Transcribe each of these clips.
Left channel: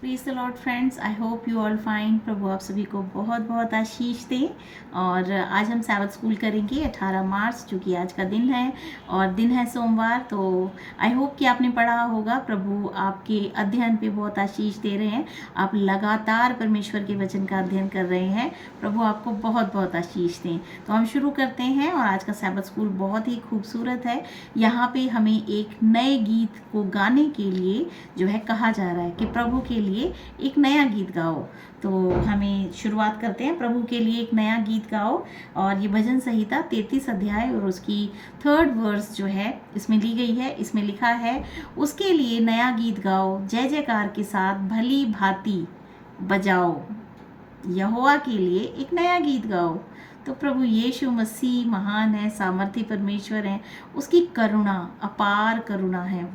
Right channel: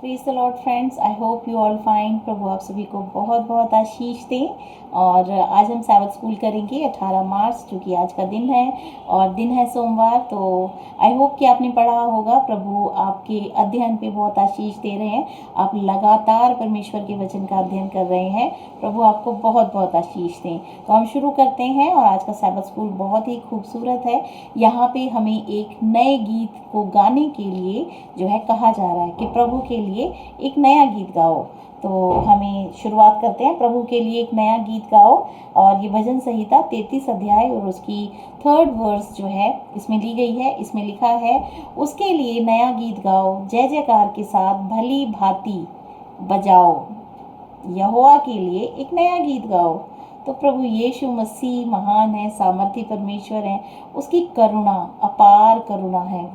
Praise the Lord friends, I hope you all fine. प्रभु आप सभी को बहुत बहुत आशीष दें। और आज हम सैबत स्कूल करेंगे 18 मार्च, जो कि आज का दिन है और दिन है सोमवार। तो आई होप कि आपने पढ़ा होगा। प्रभु आपके अध्ययन पे बहुत आशीष दे रहे हैं। आप लगातार परमेश्वर के वचन का अध्ययन कर रहे हैं। प्रभु आपको बहुत बहुत आशीष दें। तो हम शुरू करते हैं। और आज का सैबत स्कूल बहुत ही खूबसूरत है। यहाँ पे हमें एक नए गीत को गाने के लिए जो है कहा जा रहा है कि प्रभु के लिए एक नया गीत गाओ। तो हमें शुरुआत करते हैं, प्रभु के लिए एक नया गीत गाओ। और ये भजन संहिता 33 अध्याय और उसकी 3rd वर्स जो है इसमें ली गई है। इसमें लिखा है, उसके लिए नया गीत गाओ, जय जयकार के साथ भली भांति बजाओ। यहोवा के लिए एक नया गीत गाओ। तो प्रभु यीशु मसीह महान है, सामर्थी परमेश्वर है। उसकी करुणा अपार करुणा है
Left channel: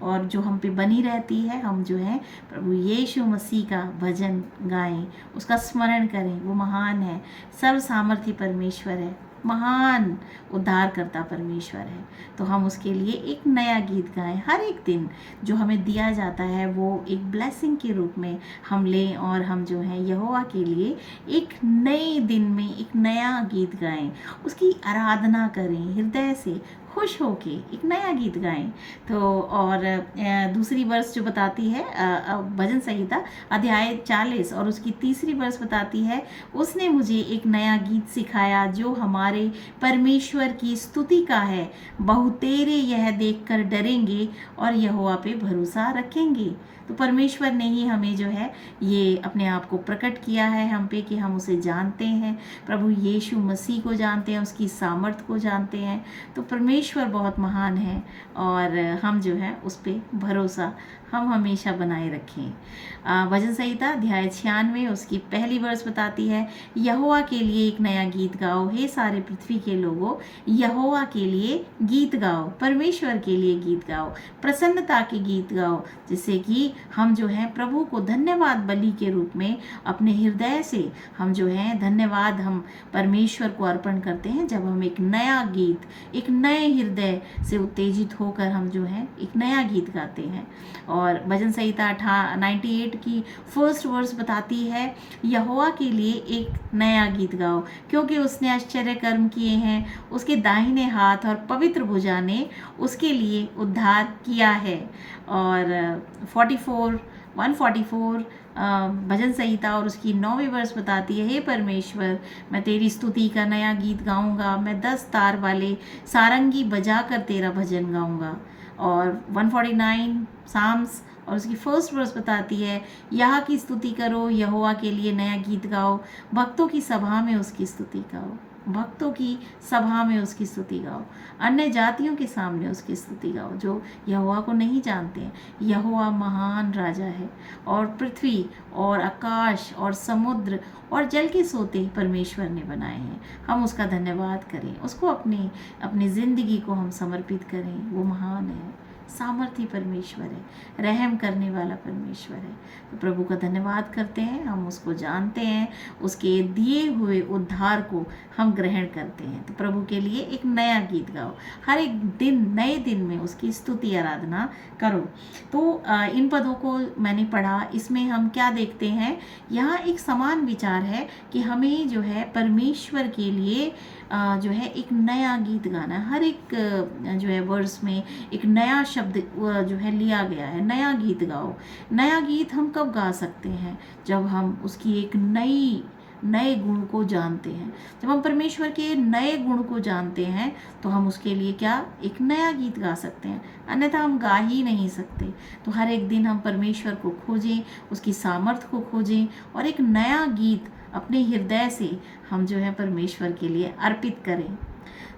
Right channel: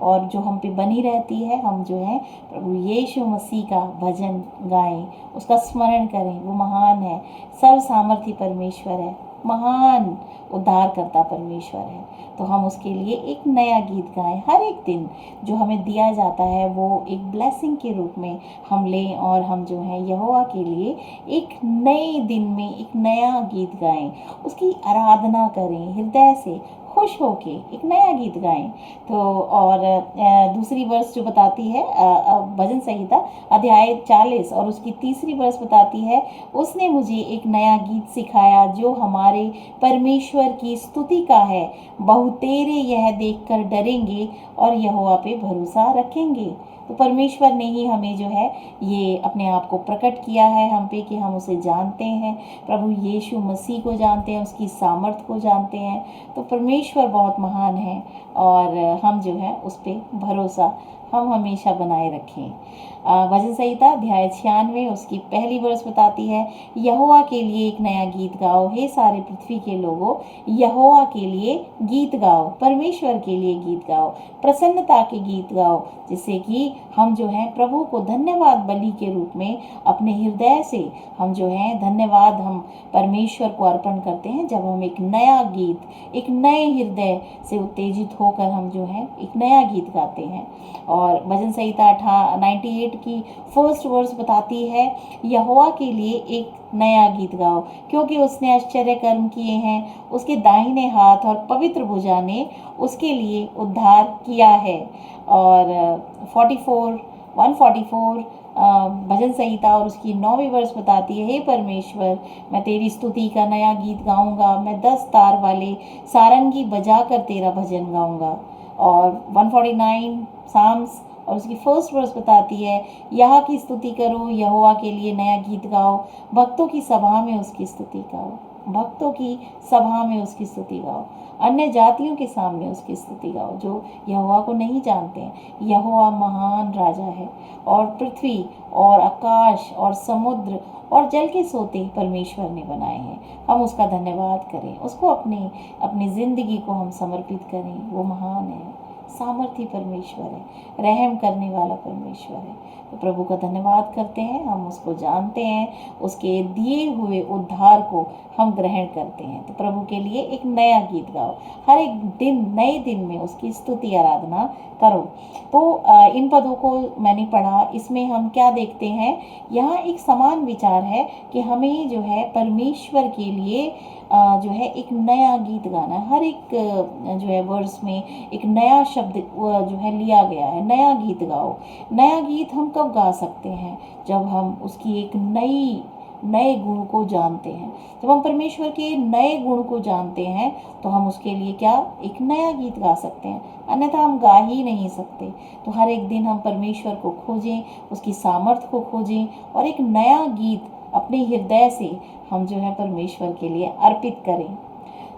और जो हम पे बनी रहती है। हम जो है प्रभु यीशु मसीह का भजन गाएं, उसका स्मरण करें। वो महान है, सर्व सामर्थी परमेश्वर है, महान उद्धारकर्ता परमेश्वर है। तो हम उसके लिए एक नया गीत गाएं। हर एक दिन जो हमें दिया जाता है वो एक ब्लेसिंग के रूप में हम लें और हम जो है यहोवा के लिए एक नए दिन में एक नया गीत गाएं, उसकी आराधना करें, हृदय से खुश होके एक नया गीत गाएं। तो और दूसरी वर्स जो बताती है भजन संहिता अध्याय 40 और उसकी 3री वर्स बताती है, उसने मुझे एक नया गीत सिखाया जो हमारे परमेश्वर की स्तुति का है। बहुतेरे यह देखकर डरेंगे और यहोवा पे भरोसा रखेंगे। तो परमेश्वर ने ही हमें जो है ये अपने आप को प्रकट किया है हम पे कि हम उसे जानते हैं। प्रभु यीशु मसीह को जानते हैं, उसकी सामर्थ को जानते हैं। तो परमेश्वर बहुत महान है और हम जो है उस पर भरोसा हम हमेशा बनाए रखें। भजन संहिता अध्याय 96 उसकी 1 वर्स बताती है, यहोवा के लिए एक नया गीत गाओ, हे सारे पृथ्वी के लोगों, यहोवा के लिए गीत गाओ, परमेश्वर के लिए गीत गाओ, प्रसन्नता के गीत गाओ, जिससे कि हम जो है प्रभु को धन्यवाद बलि के रूप में अपने हृदय से हम जो है धन्यवाद हम परमेश्वर को अर्पण करते हैं। जब हम एक नया गीत, एक नए हृदय से उत्तेजित होकर हम जो है एक नया गीत गाते हैं। और भजन संहिता 98 की 1st वर्स बताती है, यहोवा के लिए एक नया गीत गाओ, क्योंकि उसने आश्चर्य कर्म किए हैं, उसके दाहिने हाथ और पवित्र भुजा ने उसके लिए उद्धार किया है। और 144 भजन संहिता और उसकी 9वीं वर्स बताती है, हे परमेश्वर, मैं तेरी स्तुति का नया गीत गाऊंगा, मैं 10 तार वाले सारंगी बजाकर तेरा भजन गाऊंगा। और 149 साम्स और उसकी 1st वर्स बताती है, यहाँ की स्तुति करो, यहोवा के लिए नया गीत गाओ, भक्तों की सभा में उसकी स्तुति गाओ, भक्तों की सभा में उसकी स्तुति गाओ, अन्य जातियों के सामने उसकी स्तुति गाओ जो यहोवा को नहीं जानते हैं। यहोवा महान राजा है और पृथ्वी और आकाश और समुद्र और जल के सोते परमेश्वर ने बनाए हैं। हम उसका धन्यवाद करें, उसको अपनी ज़िंदगी को हम समर्पित करें। वो महान है, सामर्थी परमेश्वर है, रहम करने वाला परमेश्वर है। तो प्रभु का धन्यवाद करते हैं, हम उसको जानते हैं, उसके दिए हुए उद्धार को हम ग्रहण करते हैं। तो प्रभु के लिए एक नया गीत गाओ, हर एक दिन नए दिन में उसकी स्तुति आराधना करो। तो इन पदों को मैंने पढ़ा, इसमें हम क्या देखते हैं, यहाँ एक समान विचार है कि हमें जो है परमेश्वर के लिए जो है एक नया गीत गाना है। हर एक जो है वर्स में एक नया शब्द जो है लिया गया है, नया गीत गाओ। नया गीत हम कब गा सकते हैं, जब हम उसकी एक नए गुण को जानते हैं। जब हम परमेश्वर के नए गुण को जानते हैं तो हम उसके लिए क्या एक नया गीत गा सकते हैं, अन्यथा हम गा ही नहीं सकते। तो हर एक दिन हम परमेश्वर को खोजें, उसकी सामर्थ को खोजें और एक नया गीत अपने हृदय से हम जो है परमेश्वर के लिए अर्पित करें।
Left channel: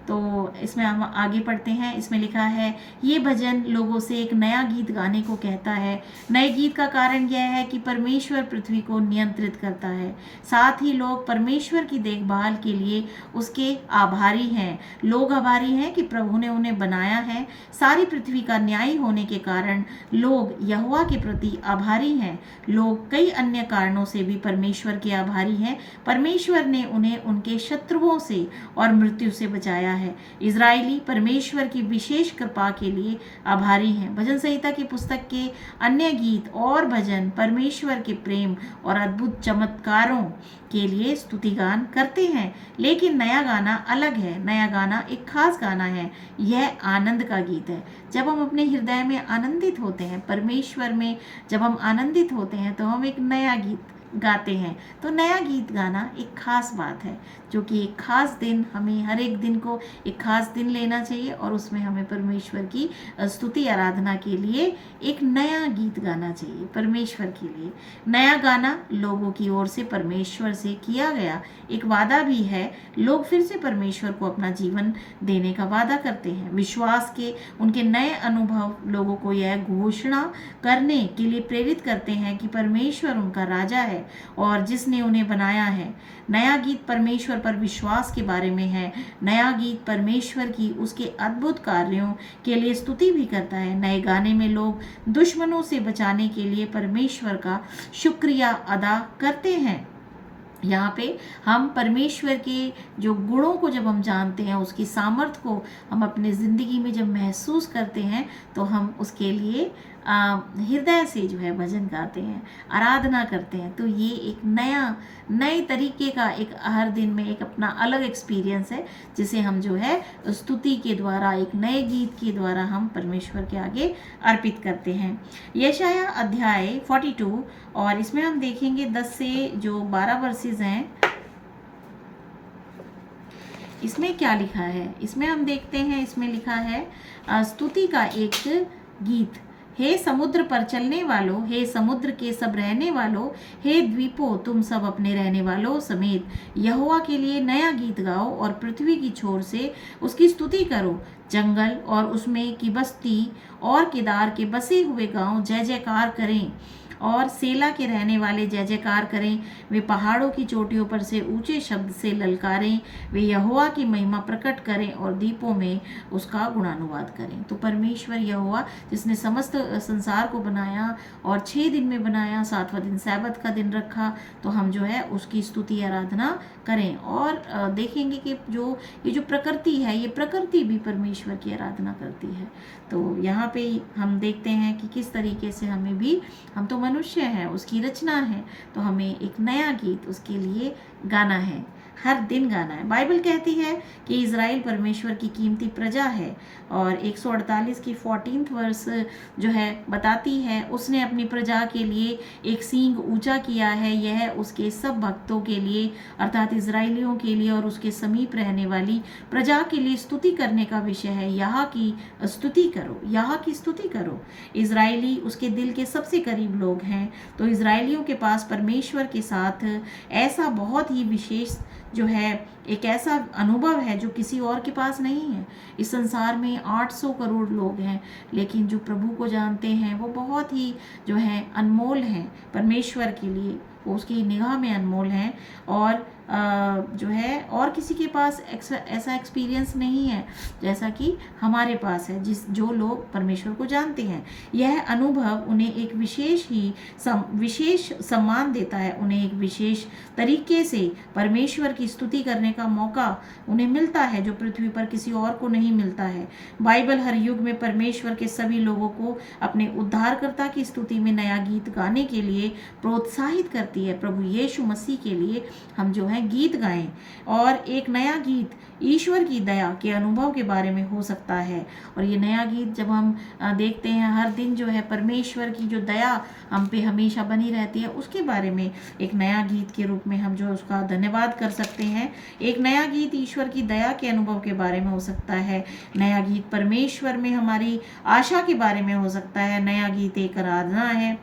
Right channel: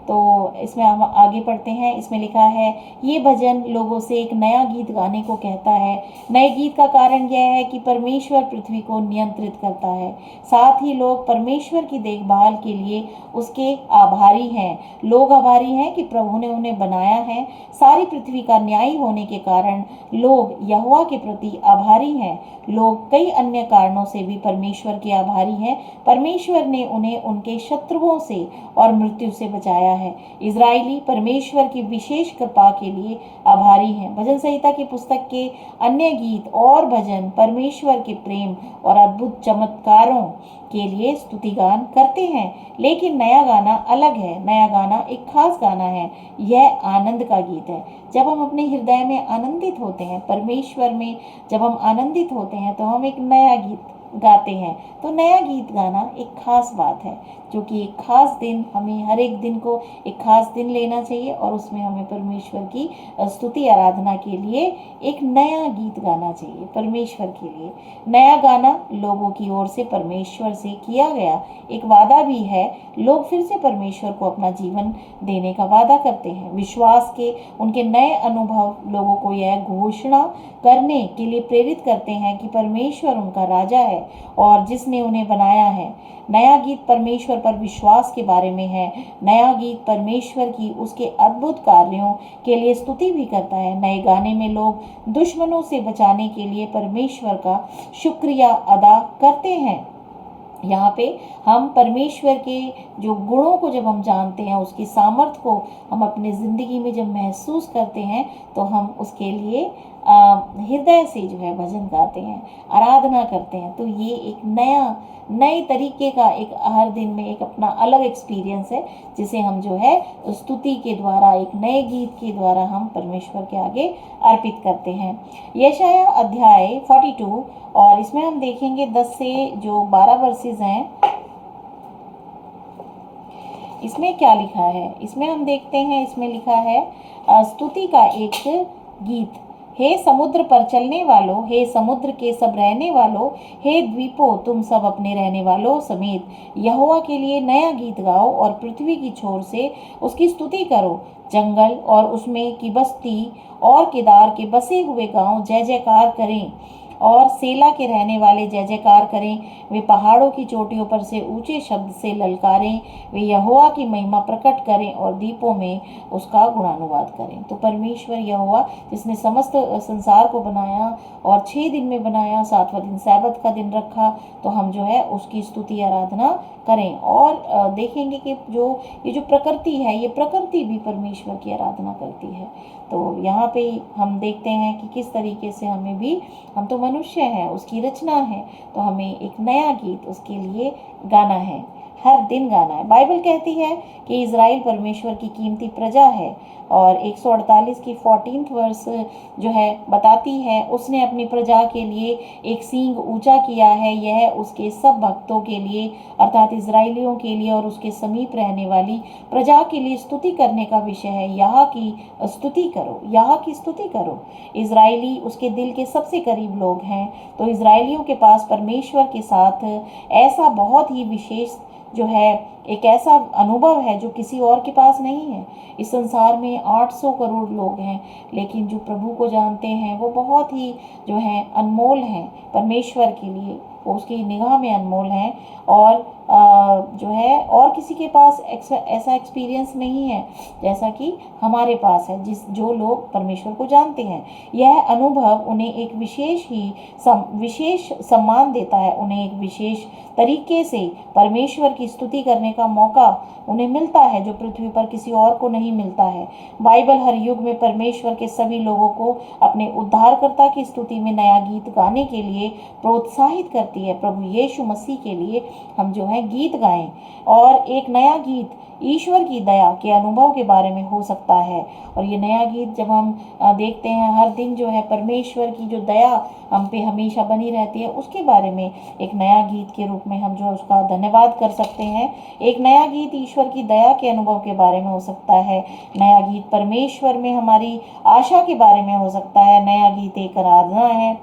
तो इसमें हम आगे पढ़ते हैं। इसमें लिखा है, ये भजन लोगों से एक नया गीत गाने को कहता है। नए गीत का कारण यह है कि परमेश्वर पृथ्वी को नियंत्रित करता है, साथ ही लोग परमेश्वर की देखभाल के लिए उसके आभारी हैं। लोग आभारी हैं कि प्रभु ने उन्हें बनाया है। सारी पृथ्वी का न्यायी होने के कारण लोग यहोवा के प्रति आभारी हैं। लोग कई अन्य कारणों से भी परमेश्वर के आभारी हैं। परमेश्वर ने उन्हें उनके शत्रुओं से और मृत्यु से बचाया गया है। इजरायली परमेश्वर की विशेष कृपा के लिए आभारी हैं। भजन संहिता की पुस्तक के अन्य गीत और भजन परमेश्वर के प्रेम और अद्भुत चमत्कारों के लिए स्तुतिगान करते हैं, लेकिन नया गाना अलग है। नया गाना एक खास गाना है। यह आनंद का गीत है। जब हम अपने हृदय में आनंदित होते हैं, परमेश्वर में जब हम आनंदित होते हैं, तो हम एक नया गीत गाते हैं। तो नया गीत गाना एक खास बात है, जो कि एक खास दिन, हमें हर एक दिन को एक खास दिन लेना चाहिए और उसमें हमें परमेश्वर की स्तुति आराधना के लिए एक नया गीत गाना चाहिए परमेश्वर के लिए। नया गाना लोगों की ओर से परमेश्वर से किया गया एक वादा भी है। लोग फिर से परमेश्वर को अपना जीवन देने का वादा करते हैं। विश्वास के उनके नए अनुभव लोगों को यह घोषणा करने के लिए प्रेरित करते हैं कि परमेश्वर उनका राजा है और जिसने उन्हें बनाया है। नया गीत परमेश्वर पर विश्वास के बारे में है। नया गीत परमेश्वर की उसके अद्भुत कार्यों के लिए स्तुति भी करता है। नए गाने में लोग दुश्मनों से बचाने के लिए परमेश्वर का शुक्रिया अदा करते हैं। यहाँ पे हम परमेश्वर के जो गुणों को जब हम जानते हैं, उसकी सामर्थ्य को हम अपने ज़िंदगी में जब महसूस करते हैं, तो हम उसके लिए हृदय से जो है भजन गाते हैं, आराधना करते हैं। तो ये एक नए तरीके का एक हर दिन में एक अपना अलग एक्सपीरियंस है, जिसे हम जो है स्तुति के द्वारा, एक नए गीत के द्वारा हम परमेश्वर के आगे अर्पित करते हैं। यशाया अध्याय 42 और इसमें हम देखेंगे 10 से जो 12 वर्सेस हैं, इसमें क्या लिखा है। इसमें हम देखते हैं, इसमें लिखा है स्तुति का एक गीत। हे समुद्र पर चलने वालों, हे समुद्र के सब रहने वालों, हे द्वीपों तुम सब अपने रहने वालों समेत यहोवा के लिए नया गीत गाओ और पृथ्वी की छोर से उसकी स्तुति करो। जंगल और उसमें की बस्ती और केदार के बसे हुए गांव जय जयकार करें और सेला के रहने वाले जय जयकार करें। वे पहाड़ों की चोटियों पर से ऊंचे शब्द से ललकारें। वे यहोवा की महिमा प्रकट करें और द्वीपों में उसका गुणानुवाद करें। तो परमेश्वर यहोवा जिसने समस्त संसार को बनाया और 6 दिन में बनाया, 7वां दिन सैबत का दिन रखा, तो हम जो है उसकी स्तुति आराधना करें। और देखेंगे कि ये जो प्रकृति है, ये प्रकृति भी परमेश्वर की आराधना करती है। तो यहाँ पे हम देखते हैं कि किस तरीके से हमें भी, हम तो मनुष्य हैं, उसकी रचना है, तो हमें एक नया गीत उसके लिए गाना है, हर दिन गाना है। बाइबल कहती है कि इज़राइल परमेश्वर की कीमती प्रजा है और 148 की 14th वर्स जो है बताती है, उसने अपनी प्रजा के लिए एक सींग ऊंचा किया है। यह उसके सब भक्तों के लिए अर्थात इज़राइलियों के लिए और उसके समीप रहने वाली प्रजा के लिए स्तुति करने का विषय है। यहाँ की स्तुति करो, यहाँ की स्तुति करो। इज़राइली उसके दिल के सबसे करीब लोग हैं। तो इज़राइलियों के पास परमेश्वर के साथ ऐसा बहुत ही विशेष जो है एक ऐसा अनुभव है जो किसी और के पास नहीं है। इस संसार में 800 करोड़ लोग हैं, लेकिन जो प्रभु को जानते हैं वो बहुत ही जो है अनमोल हैं परमेश्वर के लिए, वो उसकी निगाह में अनमोल हैं। और जो है और किसी के पास ऐसा एक्सपीरियंस नहीं है जैसा कि हमारे पास है, जो लोग परमेश्वर को जानते हैं। यह अनुभव उन्हें एक विशेष सम्मान देता है। उन्हें एक विशेष तरीके से परमेश्वर की स्तुति करने का मौका उन्हें मिलता है, जो पृथ्वी पर किसी और को नहीं मिलता है। बाइबल हर युग में परमेश्वर के सभी लोगों को अपने उद्धारकर्ता की स्तुति में नया गीत गाने के लिए प्रोत्साहित करती है। प्रभु यीशु मसीह के लिए हम जो है गीत गाएं। और एक नया गीत ईश्वर की दया के अनुभव के बारे में हो सकता है। और ये नया गीत जब हम देखते हैं, हर दिन जो है परमेश्वर की जो दया हम पे हमेशा बनी रहती है, उसके बारे में एक नया गीत के रूप में हम जो उसका धन्यवाद कर सकते हैं। एक नया गीत ईश्वर की दया के अनुभव के बारे में हो सकता है। नया गीत परमेश्वर में हमारी आशा के बारे में हो सकता है। नया गीत एक आराधना है।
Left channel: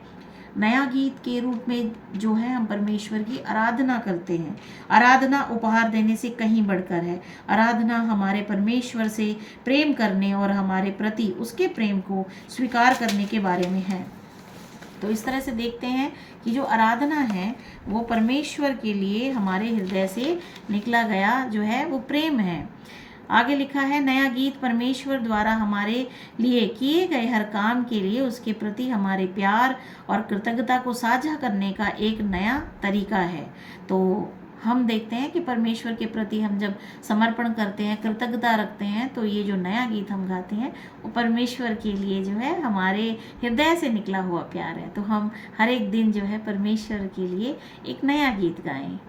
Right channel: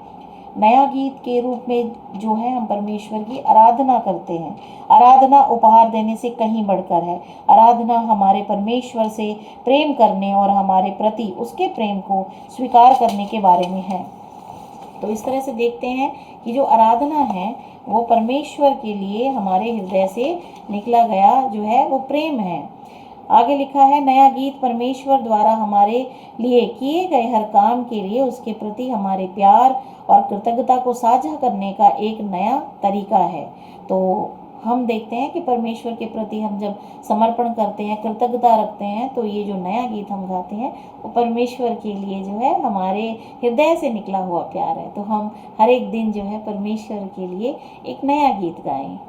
नया गीत के रूप में जो है हम परमेश्वर की आराधना करते हैं। आराधना उपहार देने से कहीं बढ़कर है। आराधना हमारे परमेश्वर से प्रेम करने और हमारे प्रति उसके प्रेम को स्वीकार करने के बारे में है। तो इस तरह से देखते हैं कि जो आराधना है वो परमेश्वर के लिए हमारे हृदय से निकला गया जो है वो प्रेम है। आगे लिखा है, नया गीत परमेश्वर द्वारा हमारे लिए किए गए हर काम के लिए उसके प्रति हमारे प्यार और कृतज्ञता को साझा करने का एक नया तरीका है। तो हम देखते हैं कि परमेश्वर के प्रति हम जब समर्पण करते हैं, कृतज्ञता रखते हैं, तो ये जो नया गीत हम गाते हैं वो परमेश्वर के लिए जो है हमारे हृदय से निकला हुआ प्यार है। तो हम हर एक दिन जो है परमेश्वर के लिए एक नया गीत गाएं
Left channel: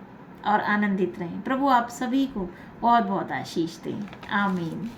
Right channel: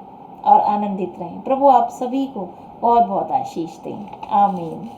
और आनंदित रहें। प्रभु आप सभी को बहुत बहुत आशीष दें। आमीन।